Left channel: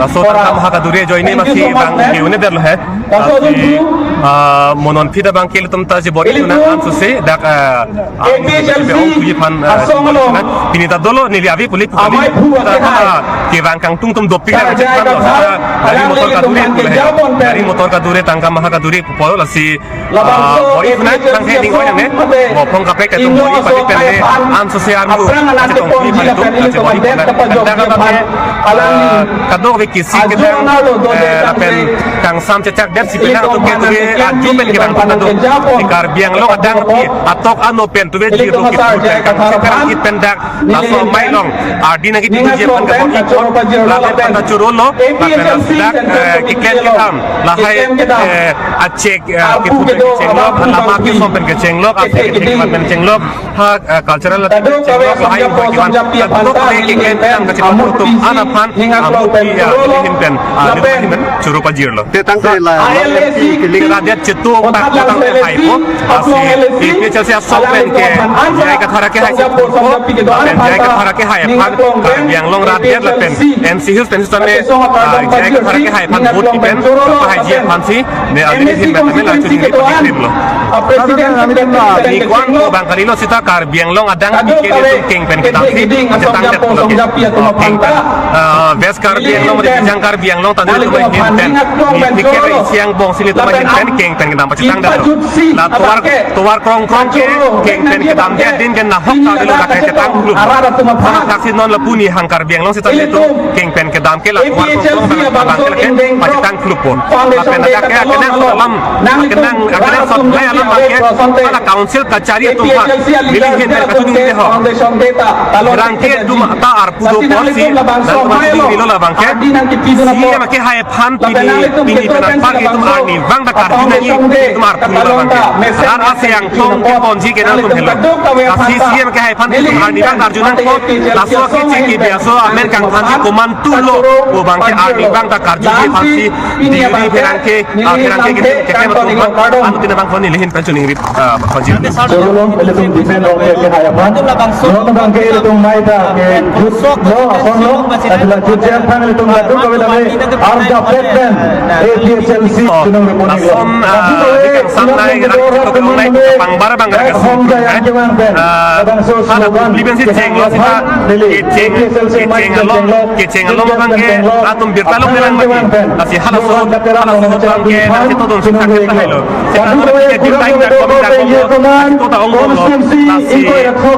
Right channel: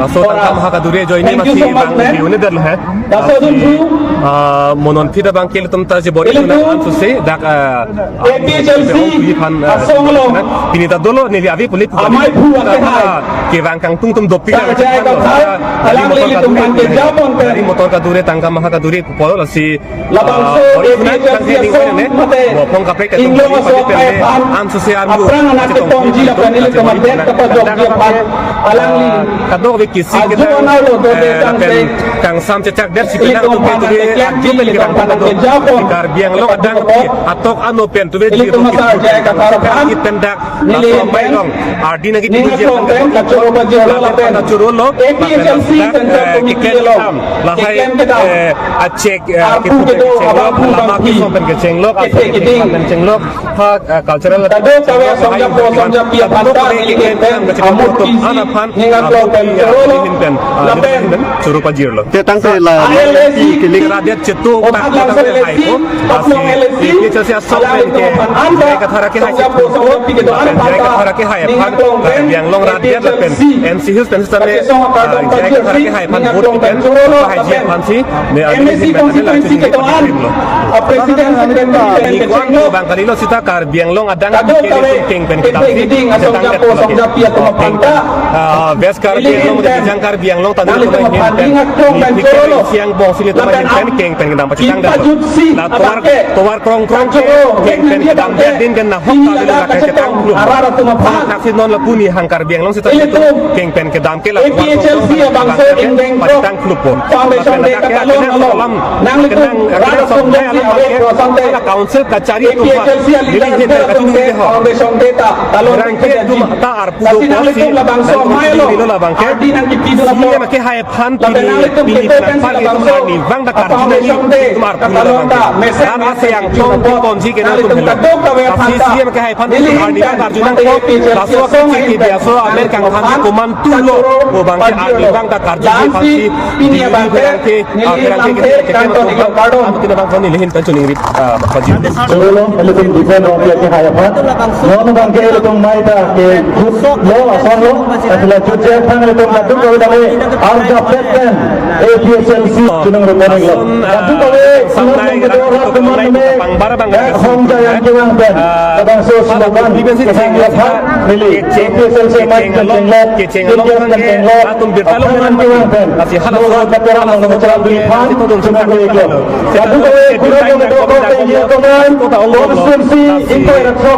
langsung tangkap mahakaduri jo ini masih bang hiu ini dah lah monon pida bang kili tum taji bori tu na ansu se dak beong tuji pan bori tu na pinita dolo nili avi puli pukali ke bang kang tung tum dopi kan cepat lo dari motor kaduri tangkap mahakaduri pupolo lasi bori tu na tang heading kau yang ne mau pong kapek ketung bori pasti pende ansu se armu cetong tuji pan itu cetong bori tu na kadang kisi kita lapen kang sam cecak dan si penang tu ke tu ajumen kita pun tu ikar biang lo kadang atok anu pen tu jadi tu kita kang sekarang kita pendak langsung main long adi nagi tu je pan ke bori lapen pada curul lo lapen sedak kiken kitam lahai acek kita keceng lo lama kita pen keceng lo asal kita pen keceng lo cultural keceng lo lahai bukan tu pada kiken kitam keceng lo tu anak pan lihin pen curu pajir loตั้งใจละ rakyat cetu tak datang ke haipo asli dia Chelsea sok pen ke jai ka thara ke hai cetu ko pen jai ka thara ke hai phan yang long rakyat la pen MC Hills pen same jai ka thara ke hai phan vote pen pa hai ji phan si ne adini hin pen la chuni ke padi lo ni kwan ko bang kali lo sita kar biang long adang ke dia tu keng pen kita si cetang tet lo ke keng pen ves kar biang long de jang kar biang long tadi tu mai hin pen ni ke siang bong sili tu mai hin pen keng pen kita cetang tet lo la towar krong ke keng pen kita dia din kan nah hok ta lo la ke cetang lu ona taksi non la puni hangkar biang long sita itu keng pen ke dam ke la towar krong ta la ke cetang lu pun la pen ada ke kenang salam kenang sot mai alam ke ala council kacari tu ha lili hin pen katu ni ho rangke tu ta arpu do polisi dan mesti lo la bangke si ma ke hai phan pini penan par ke tum arni bang da kar dinani tum arpu la bangke ran ase yang tong ke ponji ke na tum hello kasi si ma ke hai phan tum arni bang arjunan ko laso ke ki biaso amer kang phan di koman tu lo wo bangke arni bang da kar ji phan si di perangke ke ma tum anu tina bang phone ni lehin pen chuning ri phaji sebelum itu defend orang ke hadapan no bangke itu mai ta ke jusuk lo asam lo adalah jujur pang itu ladu kau dari arga peten APSLC kunung reporting sam nai rakit to nai pang bara bang ga sun ada liben si ceng lo sita ceng lo bang ke atum birtalong melan bagi asi halas so bang ke nasi to don sita ke ta lo kita no ke birtai na ko da ko to ta ong lo nasi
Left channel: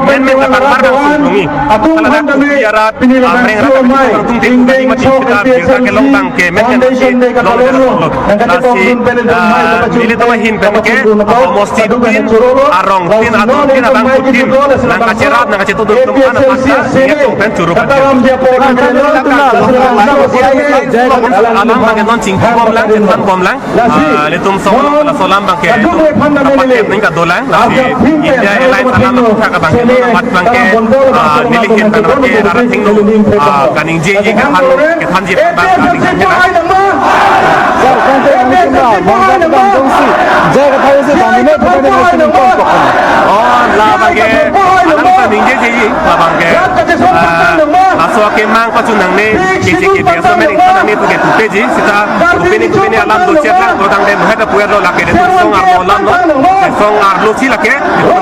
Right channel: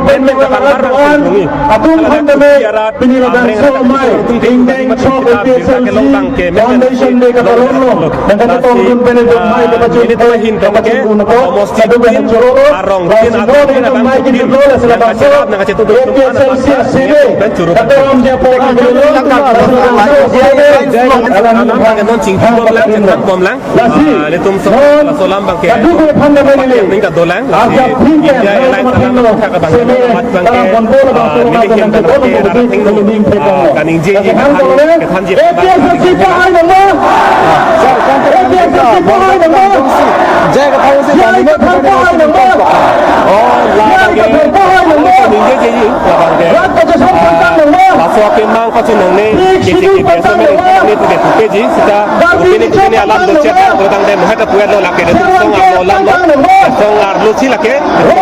men ka pang bara bang sungi kala da ku biara amreng ra ka tung te bagi mati kita birta ke long bang ke men nasi long lo nasi mili to hin pen ke mosti tin arong tin atang putin nang kacerat nang kacetu tum ana paksa nge tum pen curu pen alam bang non cingki bom lang cetan bom lang le tum so la solam bang ke paket ning ka dolang la si India Airlines alam ka ka bang no mat bang ke nili hin pen ke ara thing no kaning je ke than je bang kaning ke jaga tahu sih kami ni kita ni mesti nongkong kok. Oh, la bangke, alam ka ningje je la bangke. Laso ke mang pacunang ne ke biasa mering panang ne tu ke tupe ji sita upene alam do chat lang to tang de no heta puer lo la ke de song ar lo lam lo song ar lo si la ke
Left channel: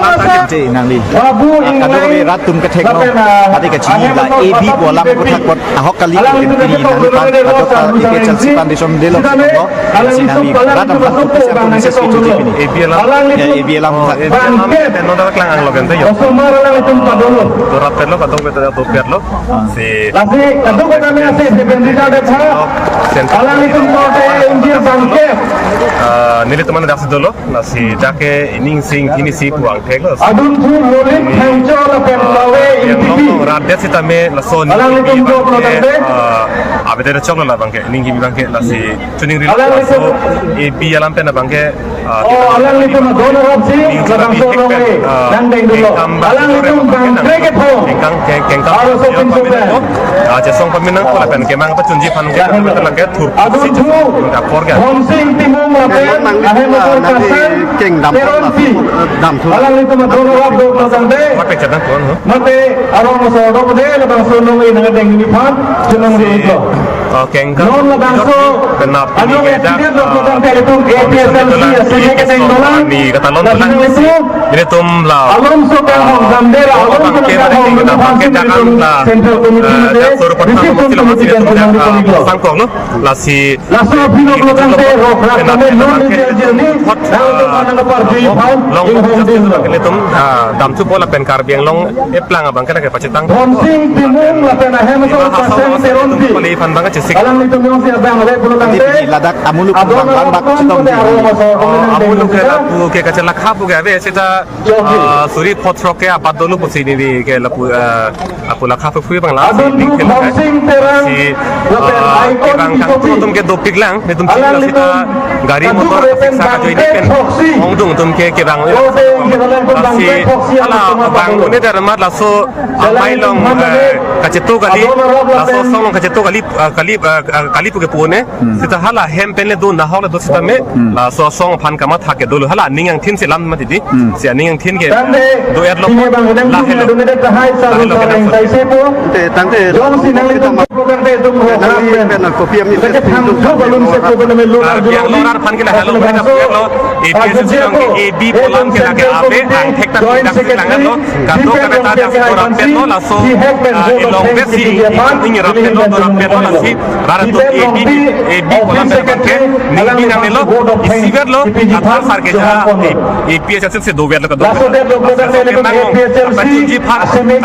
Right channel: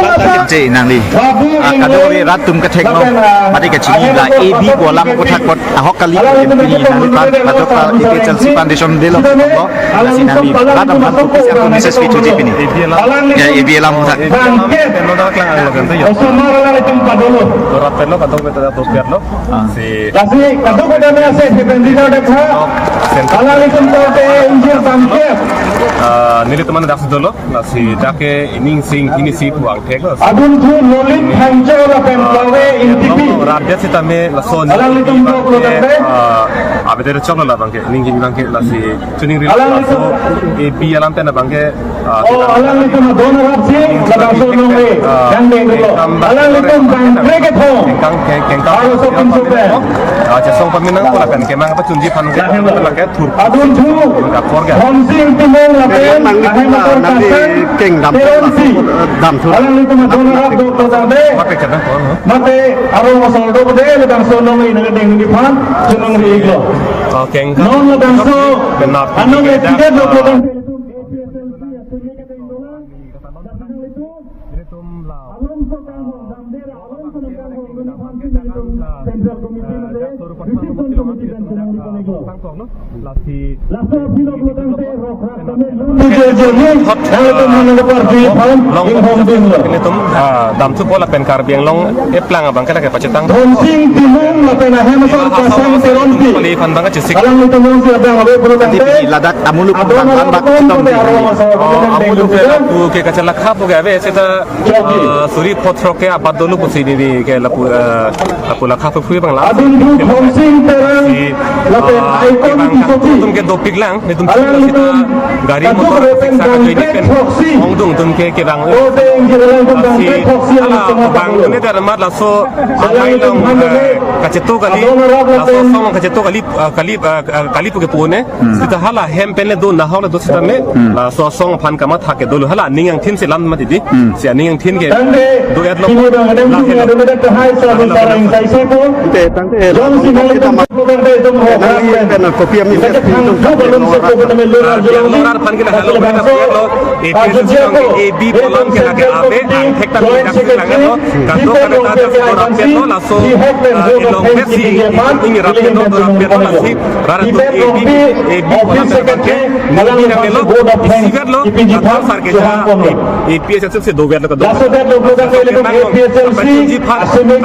lam ta je nang li kado ko rat tum ka thek no mati ka chi la ab ko lam ko thak pot ahok kali ko pini nang li pan kado ka ike Chelsea foundation de lo ko si nang li radam han tu pisa ko message ki tuji pini ya ab lam thak de no da klang ang lo kan to yo to rat perlo kado ko to perlo si Kasi kado ko na sa dependida da ko ala ni tum ko te injir bangke nili teman dak dolo la si dake ining sing kini si puang thek lo adun thu nolin khangjo la pem lawe yang long radet sita me la son abedere choklo la bangke ning gi bangke la si tuning ri la so e bi alam pena bangke ala ni tum dono rob si la bangso lowe yang deng dolo ala ni tum bangke ke tho kengkam paminang ko aja song paminang ko la pen ke mang pa chunji phan ke la ke thur adun thu ka porga homsing timong la pen ahe na ko ka keng dam dam thu ala ni tum dono rob do to dang de ma pe chana ko no mate abo mo so do de le bangso lowe na deng ni phan chunang ri ito kengkang kenap ini kita ni kata lon tulang jadi tum lau bangke kita bangke jangan lah suruh pertama mesti lo masih dia sangkong lo lasi long ini tum dam tu pola pen karbiang long eplang abang kita ke pacetang Pali fan banget cusik. Nanti pergi ladak amuluk bang bak citom di. Amuluk ke lapu ke kacalak hapu ke ave kita suri potro ke abad dulu pusi di ke lapu lak hapu fui bang lapu si ke bang kang tum ke dopik lang ni tum kita gari motor siksa ka join pen ongdung tum ke bang si ala bang ini darmat laso mai long kacetu kali laso song kacetu kali puke puone sita hala hem penle do na hawle do sita me la so song phan kama thake do hala ningang thin se lam mati di se ningang thin ke do et lo la helo Te tangte jom si nang litum program de dum ho na kopiam ni balum se ko na melo yang lorar phan ke la helo me ta puet lo APS song ke AB polam ke la ke ape ang thek ta dak se langat lo ka do ka ta dak do rap pe lo la so ilong pe si ing rap pe lo do rap pe lo la si rar to AB polam pe ke ni nang lo isiver lo athar sar ke ja APS se do ver lo ka do apa ji phan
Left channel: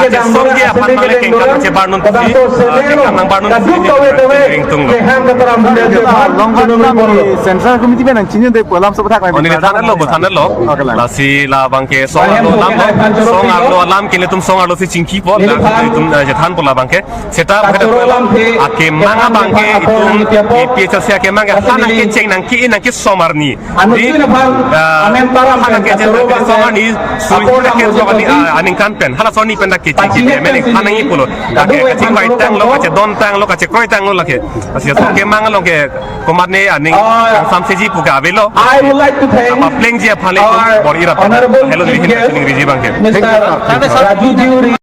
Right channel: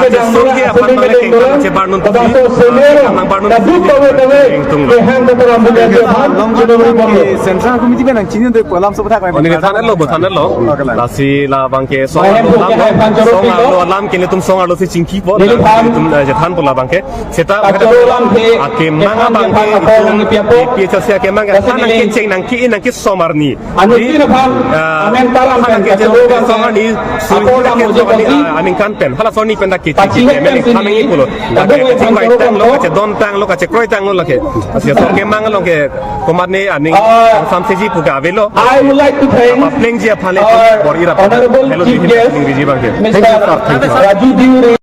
ate som ke phan male kengkang che barnun ti kengkang barnun ring tung lo Central Committee benang cinin de polam sobat kami. oni thanan lo la si la bangke song lo lam ke tum song lo si chingki po la tum je than pola bangke seta bheta pola ake manga bangke tum APS sia ke manga hanan ke cheng nang ki somarni di hanan ke je somarni suri ke somarni aning kan pen hala soni pen da ke chi ke men hanan i polo ake ching bai tang lo ka che don tang lo ka che kroi tang lo la ke asia so ke manga lo ke komat ne aning sam se ji pu ga velo I would like to thank apa pleng je phale bor ira Honorable hello Chief lihin Guest, ring riji bangke Mr. Raju Diuri.